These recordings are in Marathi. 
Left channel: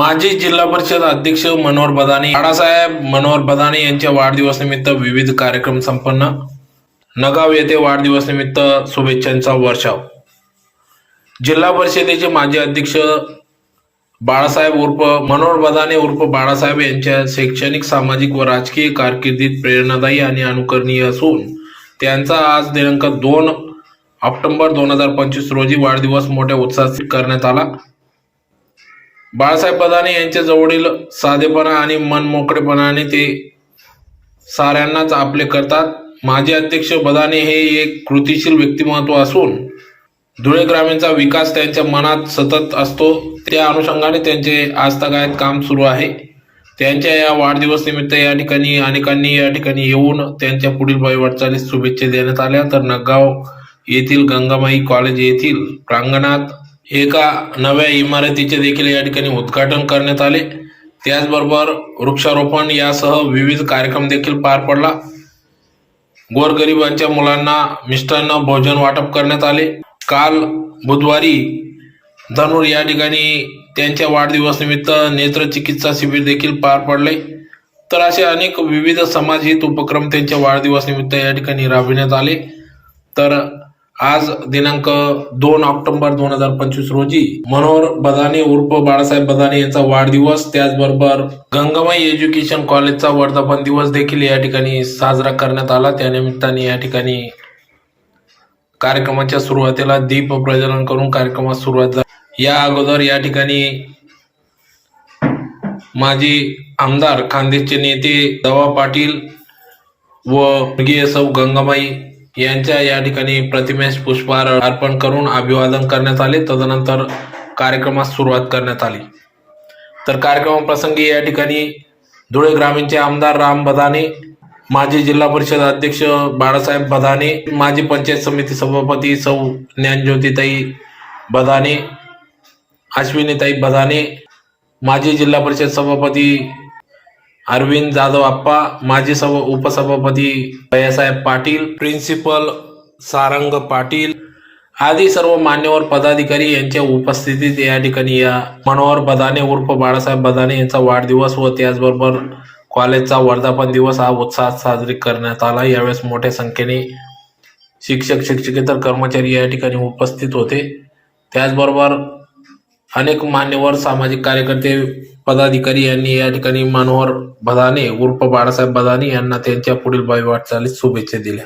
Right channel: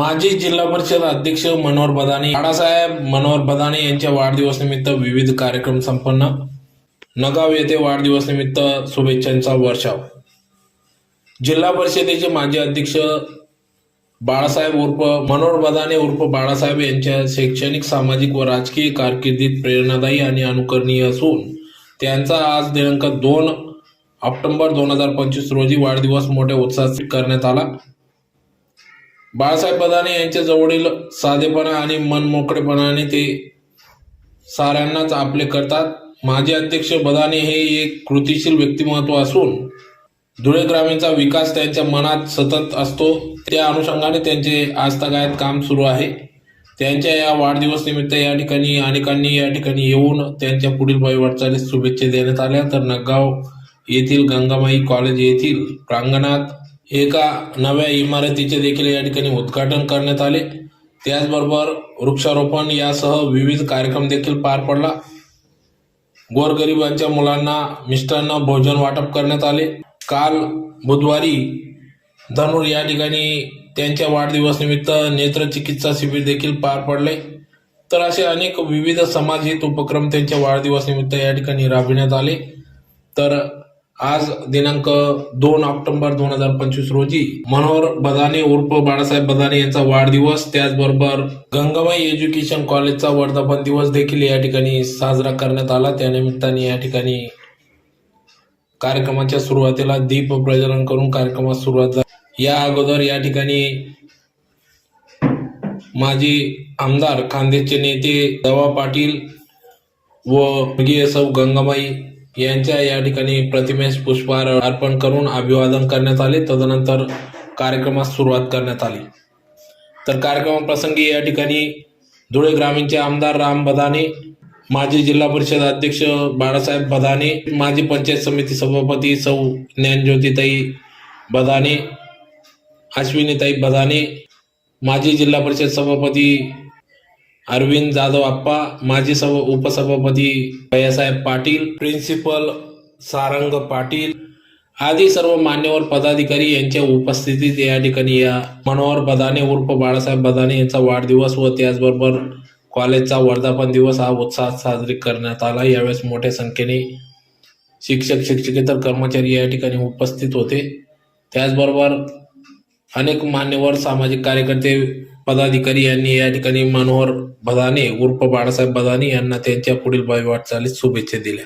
माजी जिल्हा परिषद अध्यक्ष मनोहर बदाने, बाळासाहेब मनोहर बदाने यांच्या वाढदिवसानिमित्त विविध कार्यक्रम संपन्न. नगाव येथे वाढदिवसानिमित्त शुभेच्छांचा वर्षाव. जिल्हा परिषदेचे माजी अध्यक्ष बाळासाहेब उर्फ मनोहर बदाने उर्फ बाळासाहेब यांच्या शैक्षणिक, सामाजिक व राजकीय कारकिर्दीत प्रेरणादायी आणि अनुकरणीय असून त्यांचा आज दिनांक 2 ऑक्टोबर 2025 रोजी वाढदिवस मोठ्या उत्साहात करण्यात आला. बाळासाहेब बदाने यांच्या जवळील साधेपणा आणि मनमोकळेपणाने ते साऱ्यांनाच आपले करतात. माजी अध्यक्ष बदाने हे एक कृतिशील व्यक्तिमत्व असून धुळे ग्रामीणचा विकास त्यांच्या मनात सतत असतो. त्या अनुषंगाने त्यांचे आजतागायत काम सुरू आहे. त्यांच्या या वाढदिवस निमित्त या ठिकाणी अनेकांनी या ठिकाणी येऊन त्यांच्या पुढील वाटचालीस शुभेच्छा देण्यात आल्या. तर नगाव येथील गंगामाई कॉलेज येथील प्रांगणात एका नव्या इमारतीचे देखील या ठिकाणी उद्घाटन करण्यात आले. त्याचबरोबर वृक्षारोपण यासह विविध कार्यक्रम देखील पार पडला. गोरगरिबांच्या मुलांना मिष्टान्न भोजन वाटप करण्यात आले. काल बुधवारी धनुर या ठिकाणी त्यांच्या वाढदिवस निमित्त नेत्रचिकित्सा शिबिर देखील पार पडले. तर असे अनेक विविध समाजहित उपक्रम त्यांच्या वाढदिवस निमित्त या ठिकाणी राबविण्यात आले. तर आज दिनांक 2 ऑक्टोबर 2025 रोजी मनोहर बदाने उर्फ बाळासाहेब बदाने यांचा वाढदिवस, त्याचबरोबर गंगामाई एज्युकेशन कॉलेजचा वर्धापन दिवस देखील या ठिकाणी साजरा करण्यात आला. त्यानिमित्ताने या ठिकाणी कार्यक्रमाच्या सुरुवातीला दीप प्रज्वलन करून कार्यक्रमास सुरुवात झाली. या अगोदर या ठिकाणी माजी आमदार खानदेशचे नेते दवा पाटील व सौ गंगामाई यांच्या या ठिकाणी प्रतिमेस पुष्पहार अर्पण करून अभिवादन करण्यात आले. तदनंतर कार्यक्रमास सुरुवात करण्यात आली. तर कार्यक्रमाप्रसंगी या ठिकाणी धुळे ग्रामीणचे आमदार राम बदाने, माजी जिल्हा परिषद अध्यक्ष बाळासाहेब बदाने, माजी पंचायत समिती सभापती सौ ज्ञानज्योतिताई बदाने, अश्विनीताई बदाने, माजी जिल्हा परिषद सभापती अरविंद जाधव आप्पा, माजी उपसभापती भैयासाहेब पाटील, प्रिन्सिपल सारंग पाटील आदी सर्व मान्यवर पदाधिकारी यांच्या उपस्थितीत या ठिकाणी या मनोहर बदाने उर्फ बाळासाहेब बदाने यांचा वाढदिवस व त्याचबरोबर कॉलेजचा वर्धापन दिवस हा उत्साहात साजरी करण्यात आला. यावेळेस मोठ्या संख्येने शिक्षक, शिक्षकेतर कर्मचारी या ठिकाणी उपस्थित होते. त्याचबरोबर अनेक मान्यवर सामाजिक कार्यकर्ते, पदाधिकारी यांनी या ठिकाणी मनोहर बदाने उर्फ बाळासाहेब बदाने यांना त्यांच्या पुढील वाटचालीस शुभेच्छा दिल्या.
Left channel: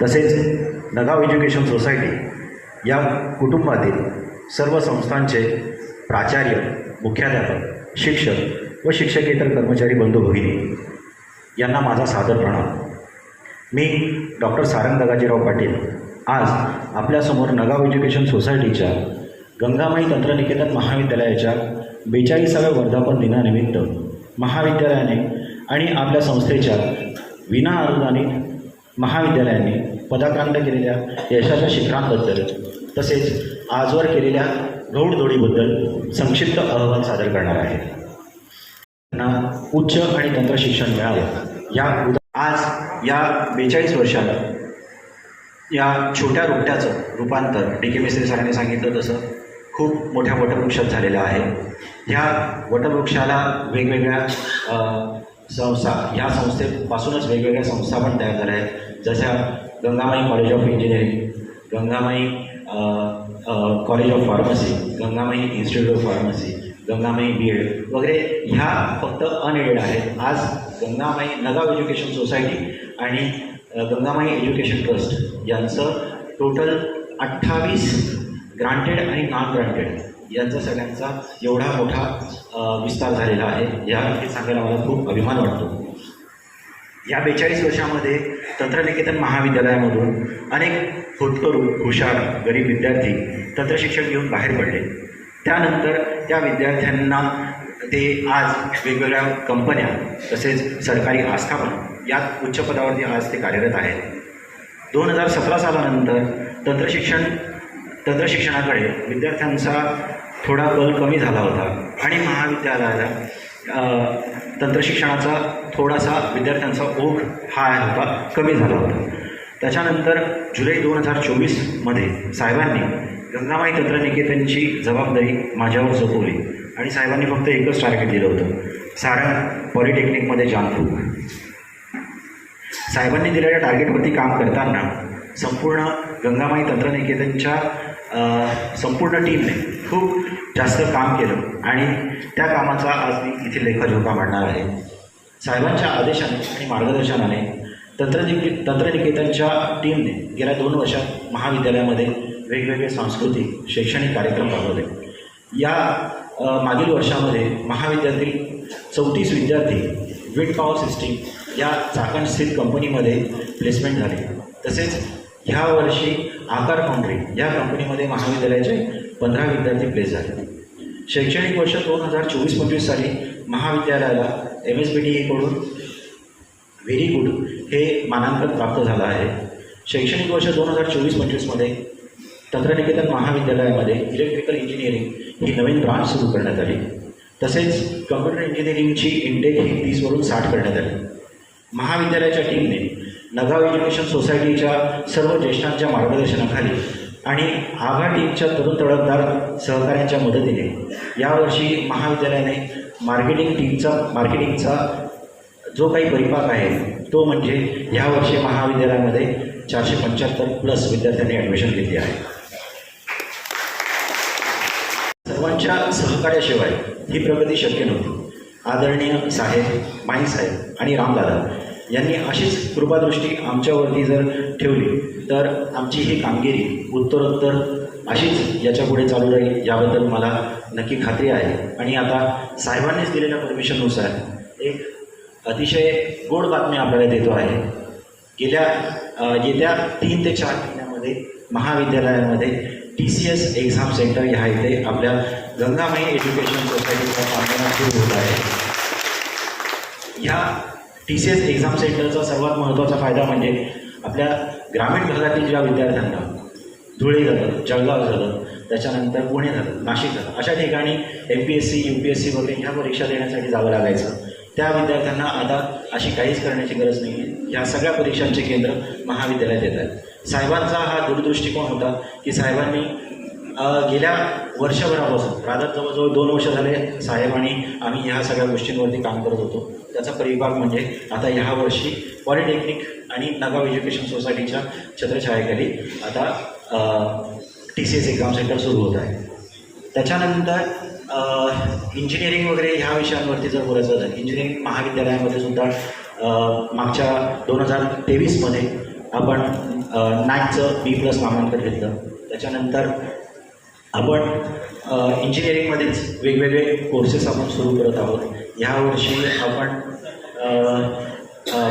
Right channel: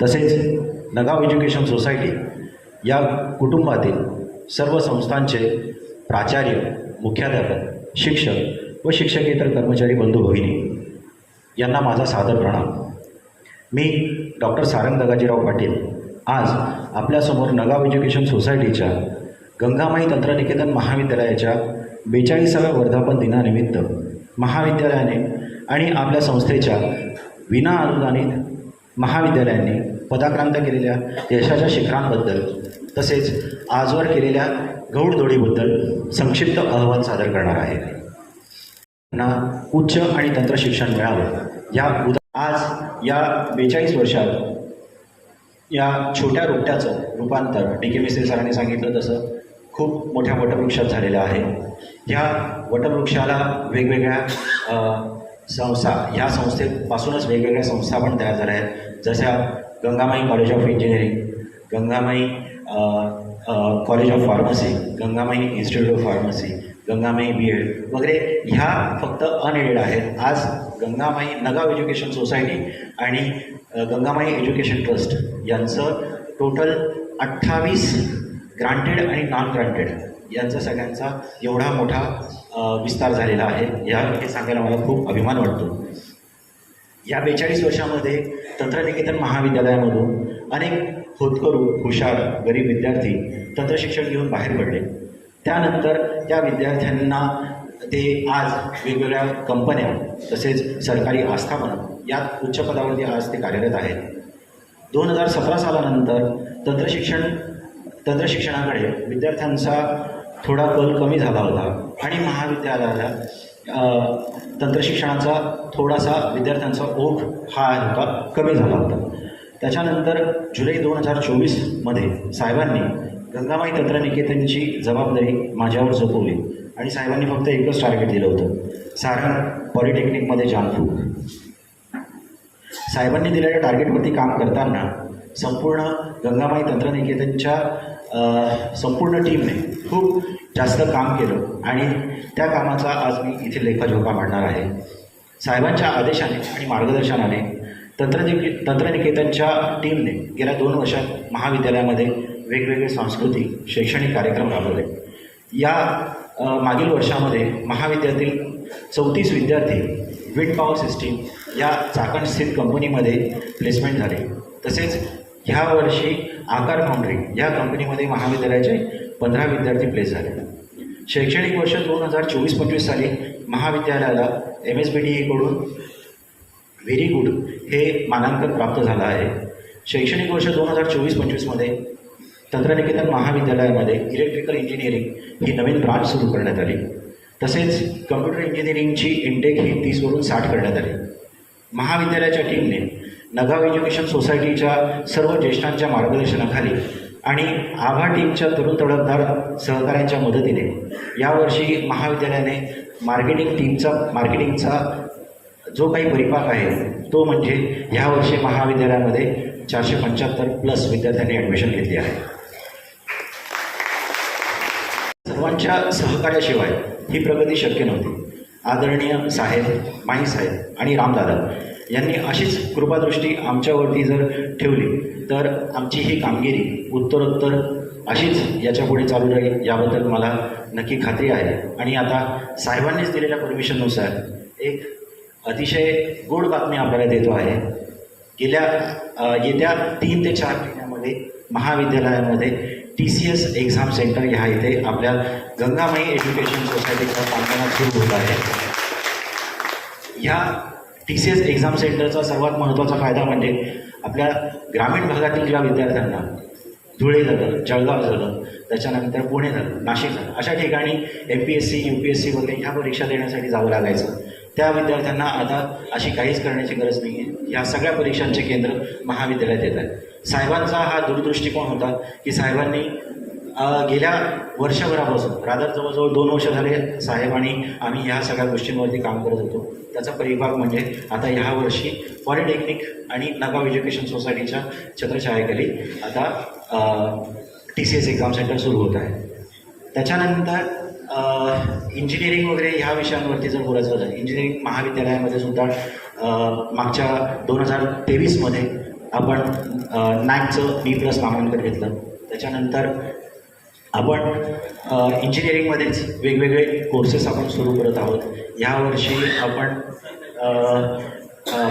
तसेच नगाव एज्युकेशन सोसायटी या कुटुंबातील सर्व संस्थांचे प्राचार्य, मुख्याध्यापक, शिक्षक व शिक्षकेतर कर्मचारी बंधू भगिनी यांना माझा सादर प्रणाम. मी डॉक्टर सारंग नगाजीराव पाटील आज आपल्यासमोर नगाव एज्युकेशन सोसायटीच्या गंगामाई तंत्रनिकेतन महाविद्यालयाच्या 42व्या वर्धापन दिनानिमित्त महाविद्यालयाने आणि आपल्या संस्थेच्या विना अनुदानित महाविद्यालयाने पदाक्रांत केलेल्या यशाच्या शिखरांबद्दल तसेच आजवर केलेल्या घौडदौडीबद्दल संक्षिप्त अहवाल सादर करणार आहे. त्यांना उच्च आणि तंत्र शिक्षण मिळावं आज या 42 वर्षात या छोट्या रोपट्याचं रूपांतर डी.के. मिस्त्री सरांनी सांगितलं तसं खूप मोठ्या वटवृक्षात झालेलं आहे. ह्या वटवृक्षाला वेगवेगळ्या संस्था, ह्या संस्थेपासूनच वेगवेगळ्या संस्था पण तयार झाल्या आहेत, जशा Gangamai college of engineering, Gangamai college of pharmacy, Gangamai institute of pharmacy, Gangamai B.Ed वगैरे. ह्या फक्त अनएडेड आहेत. आज गंगामाई नगाव एज्युकेशन सोसायटी आणि गंगामाई एज्युकेशन ट्रस्ट यांचं टोटल 28 ग्रांटेड आणि नॉन ग्रांटेड यांचा सगळ्यांचा एवढा मोठा विस्तार झालेला आहे. हे सांगायला मला खूप अभिमान वाटतो. या 42 वर्षामध्ये तंत्रनिकेतन महाविद्यालयामधून अनेक होतकरू, हुशार, गरीब विद्यार्थी तंत्रशिक्षण घेऊन बाहेर पडले. त्यानंतर त्या विद्यार्थ्यांना ते आज वेगवेगळ्या कंपन्या तसेच सरकारी आस्थापना यात उच्च पदावरती आज ते कार्यरत आहेत. 2017 सालानंतर तंत्रशिक्षणाकडे विद्यार्थ्यांचा थोडा कल कमी झाला होता आणि महाविद्यालयाला तंत्रशिक्षणाचा थोडासा विद्यार्थ्यांचा ओघ हा होता कमी झाला होता. त्याच्यानंतर जुलै 2024मध्ये साहेबांनी गंगामाई तंत्रनिकेतनची जबाबदारी माझ्यावर सोपवली आणि साहेबांनी फक्त एकच टार्गेट दिलं होतं, सारंग पॉलिटेक्निकमध्ये जामफूक. साहेबांनी दिलेल्या टार्गेटवरती काम करताना संपूर्ण गंगामाई तंत्रनिकेतनच्या संपूर्ण टीमने खूप जास्त काम केलं आणि त्या कामाचा आज मी इथे लेखजोखा मांडणार आहे. साहेबांच्या आदेशाने आणि मार्गदर्शनाने तंत्रनिकेतनच्या टीमने गेल्या 2 वर्षात महाविद्यालयामध्ये वेगवेगळे सांस्कृतिक शैक्षणिक कार्यक्रम राबवले. या मागील वर्षामध्ये महाविद्यालयातील 34 विद्यार्थी विंड पॉवर सिस्टीम या चाकणस्थित कंपनीमध्ये प्लेसमेंट झाले. तसेच ह्या वर्षी आकार फाउंड्री या कंपनीमध्ये महाविद्यालयाचे 15 विद्यार्थी प्लेस झाले. शैक्षणिक वर्ष 2024-25 साली महाविद्यालयाला MSBDE कडून व्हेरी गुड हे मानांकन प्राप्त झालं आहे. शैक्षणिक वर्ष 2024-25मध्ये तंत्रनिकेतन महाविद्यालयामध्ये इलेक्ट्रिकल इंजिनिअरिंग ही नवीन ब्रांच सुरू करण्यात आली. तसेच कम्प्युटर इंजिनिअरिंगची इंटेक ही 30 वरून 60 करण्यात आली. महाविद्यालयाच्या टीमने नगाव एज्युकेशन सोसायटीच्या सर्व ज्येष्ठांच्या मार्गदर्शनाखाली आणि आभा टीमच्या तरुण तडफदार सहकाऱ्यांच्या मदतीने यावर्षी महाविद्यालयाने मार्केटिंगचा जो काही परिपाक आहे तो म्हणजे यावर्षी महाविद्यालयामध्ये 475+ विद्यार्थ्यांनी ॲडमिशन घेतली आहे. सर्वांच्या सहकार्याशिवाय ही प्रगती शक्य नव्हती. आदरणीय साहेब, माई साहेब आणि रामदादा यांनी अशीच कृपादृष्टी आमच्यावरती जर ठेवली तर आमची ही कामगिरी उत्तरोत्तर अशीच याच्यापुढे चालू राहील याबद्दल मला नक्की खात्री आहे. आणि आता साहेबांनीच दिलेल्या परमिशननुसार एक अतिशय गोड बातमी आपल्याला देतो आहे. येत्या 3 ते 4 महिन्यामध्ये महाविद्यालयामध्ये TCS एक्झाम सेंटर ह्या इथे आपल्या गंगामाई एज्युकेशन सोसायटीचा कामकाज सुरू होत आहे. या TCS एक्झाम सेंटरचा सर्वात महत्त्वाचा फायदा म्हणजे आपल्या ग्रामीण भागातील ज्या विद्यार्थ्यांना धुळे झालं, जळगाव झालं, त्याच्यानंतर पुणे झालं, नाशिक झालं, अशा ठिकाणी MPSC, UPSC वगैरे ह्या परीक्षा देण्यासाठी जावं लागायचं. त्या विद्यार्थ्यांना आता अशी काहीच करण्याची गरज नाही आहे. या सगळ्या परीक्षांचे केंद्र महाविद्यालयात येत आहेत. साहेबांचा हा दूरदृष्टिकोन होता की साहेबांनी गेल्या वर्षभरापासून राधा जवळजवळ 2 वर्ष झाले साहेब आणि आम्ही ह्या सगळ्या गोष्टींवरती काम करत होतो. त्याचा परिभाग म्हणजे आता ह्या वर्षी पॉलिटेक्निक आणि नगाव एज्युकेशन सोसायटीच्या छत्रछायाखाली आता TCS एक्झाम सेंटर सुरू होत आहे. त्याच्यानंतर इंजिनिअरिंग वगैरे ह्या विषयांवरती जर बोलायचं झालं, इंजिनिअरिंग महाविद्यालयामध्ये सुद्धा मागच्या 2023मध्ये आपण NAAC B+ मानांकन घेतलं. त्याच्यानंतर आपण इंजिनिअरिंगमध्येच वेगवेगळे कोर्सेस आपण सुरू करत आहोत. ह्यावर्षी आपण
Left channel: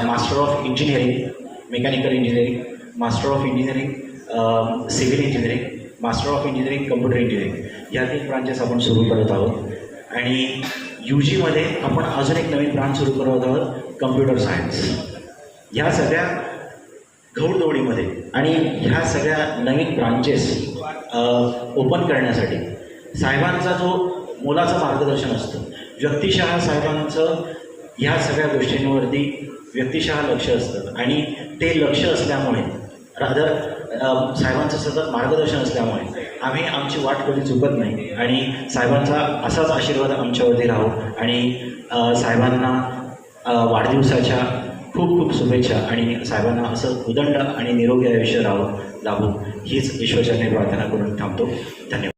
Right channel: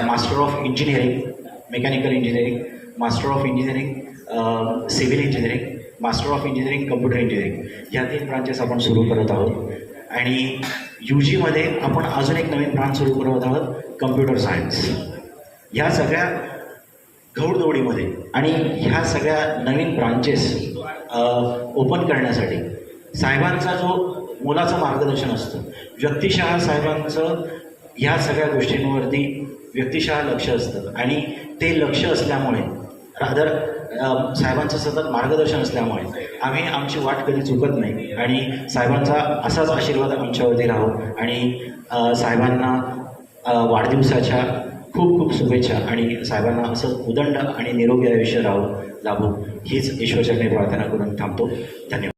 master of engineering, mechanical engineering, master of engineering civil engineering, master of engineering computer engineering ह्या 3 ब्रांचेस आपण सुरू करत आहोत. आणि UGमध्ये आपण अजून एक नवीन ब्रांच सुरू करत आहोत, कम्प्युटर सायन्स. ह्या सगळ्या घौडदौडीमध्ये आणि ह्या सगळ्या नवीन ब्रांचेस ओपन करण्यासाठी साहेबांचा जो मोलाचं मार्गदर्शन असतं, व्यक्तिशः साहेबांचं ह्या सगळ्या गोष्टींवरती व्यक्तिशः लक्ष असतं. आणि ते लक्ष असल्यामुळे रादर साहेबांचं सतत मार्गदर्शन असल्यामुळे आम्ही आमची वाट कधी चुकत नाही. आणि साहेबांचा असाच आशीर्वाद आमच्यावरती राहो. आणि साहेबांना वाढदिवसाच्या खूप खूप शुभेच्छा. आणि साहेबांना असं उदंड आणि निरोगी आयुष्य लाभो हीच ईश्वरचरणी प्रार्थना करून थांबतो. धन्यवाद.